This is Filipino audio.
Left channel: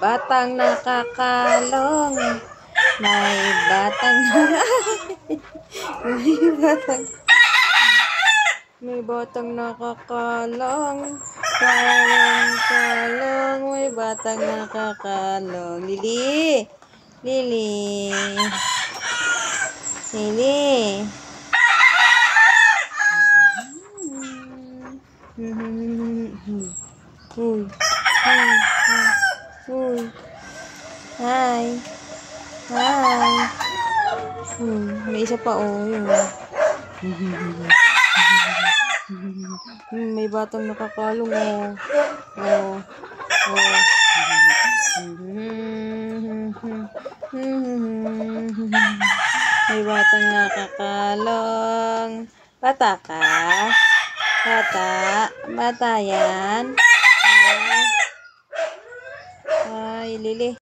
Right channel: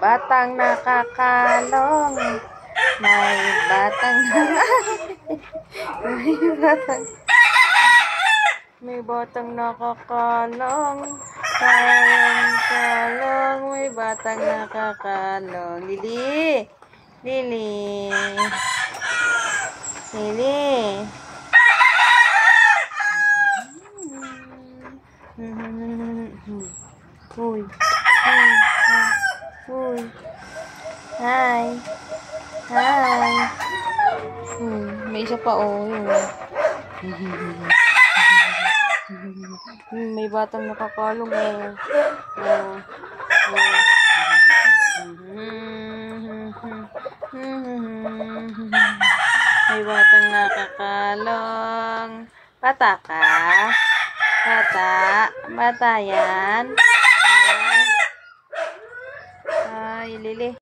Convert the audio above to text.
Batang nakakalong. May batang may batang may batang nakakalong. Kalong, may batang nakakalong. Lili. Lili. Lili. Uy. Uy. Uy. Hi. Hi. May isa pa, oh. May batang nakakalong, oh. Oh. Oh. May batang nakakalong. Bata ka? Bata? Bata yan? Ay, Lili.